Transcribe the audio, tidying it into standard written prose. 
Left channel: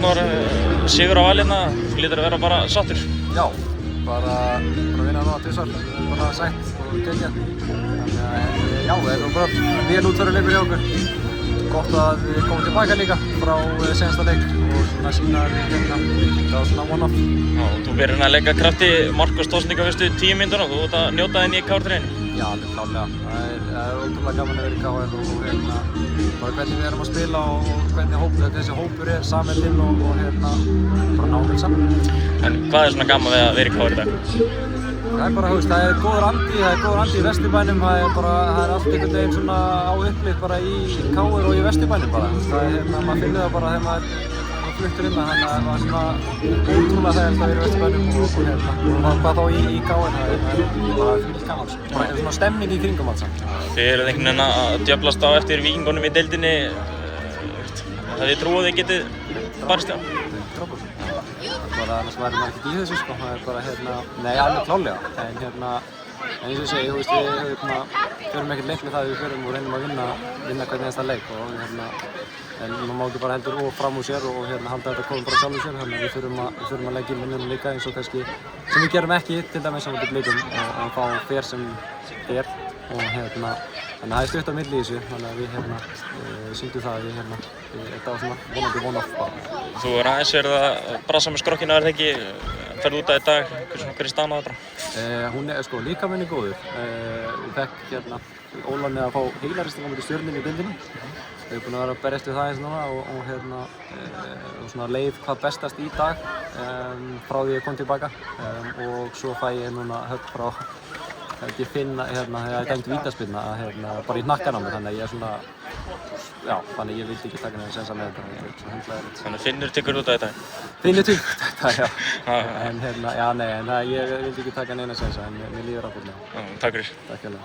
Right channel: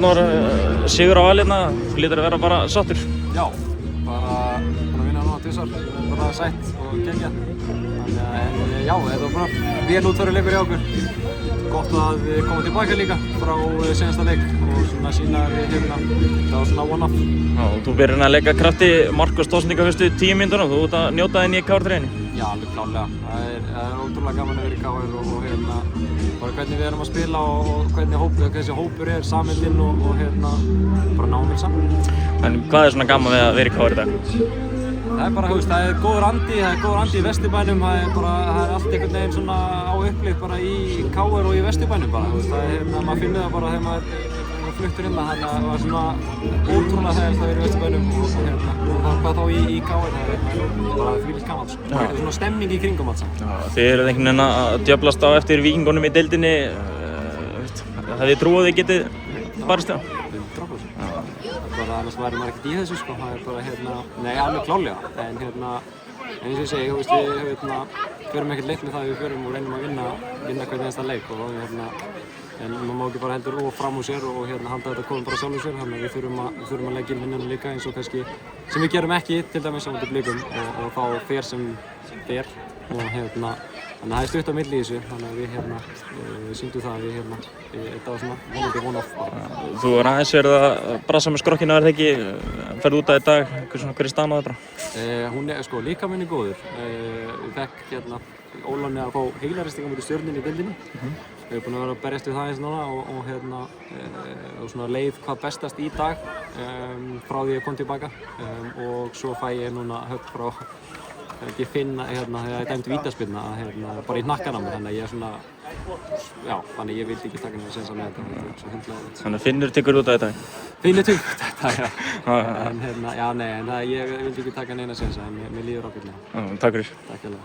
Arnór, sigur á Val hérna, hlýtur að vera bara sáttur? Já, bara að vinna núna tvisvar, það er bara sætt og geggjað. Þannig að já, þetta var bara vel útfærður leikur hjá okkur. Gott að við komum tilbaka líka frá seinasta leik og svona sína að við hérna, það var svona one-off. Þú verður að leika krafti Marcus Tórsníka fyrstu 10 mínútur og þú ert að njóta þinn í KR-treyjunni. Já, alveg klárlega. Það er ótrúlega gaman að vera í KR og hérna, bara hvernig við erum að spila og hvernig þessi hópur er, samheldinn og hérna, bara náum vel saman. En hvað er svona gaman við að vera í KR í dag? Það er bara, það er góður andi í Vesturbænum, það er allt einhvern veginn svona á uppleik bara í KR og í Vesturbænum bara, það er hérna, maður finnur það bara þegar maður fluttur inn þannig að það var svona ótrúlega þægilegt að vera í Vesturbænum og hérna, og hvað þá í KR, það er bara þvílíkt gaman, bara svona stemning í kringum allt saman. Þið eruð einhvern veginn að djöflast á eftir Víkingunum í deildinni, það þið trúið þið getið barist á? 100%. Bara annars væri maður ekkert í þessu sko, það er bara hérna, nei alveg klálega, en hérna, en eins og ég segi, við hérna, förum ekkert leik með það við förum og reynum að vinna hvernig einasta leik og hérna, en maður má ekki bara heldur og fram úr sér og hérna halda þetta komum bara sjálfur sér, þannig að við förum að leggja inn vinnuna líka eins og kannski, sem við gerum ekki, til dæmis á móti Blikum og þá fer sem fer og hérna, þannig að það er stutt á milli í þessu, þannig að við hérna sýndum það að við hérna, þetta var svona vonandi one-off bara. Þú er aðeins verið að brasa með skrokkina, er það ekki? Ferðu út af í dag, hver er staðan á þetta? Hún er sko líkaminn er góður. Ég fekk hérna Ólan að fá heilaristingar mútið Stjörnunni í deildinni. Ég hef búinn að vera að berjast við það eins núna og hérna og svona leið hvað bestast í dag frá því ég kom tilbaka og svo fæ ég núna högg frá ekki finna hérna þegar ég dæmdi vítaspyrna hérna bara í hnakkan á mér, þannig að ég er svona já, þannig ég vildi ekki taka neina séns að leiða þetta, svo hundlega. Þannig að Finnur tekur út af þetta? Finnur tekur út af þetta, já. En hérna, já nei, en ég vildi ekki taka neina séns en mér líður ákveðlega. Takk fyrir. Takk fyrir.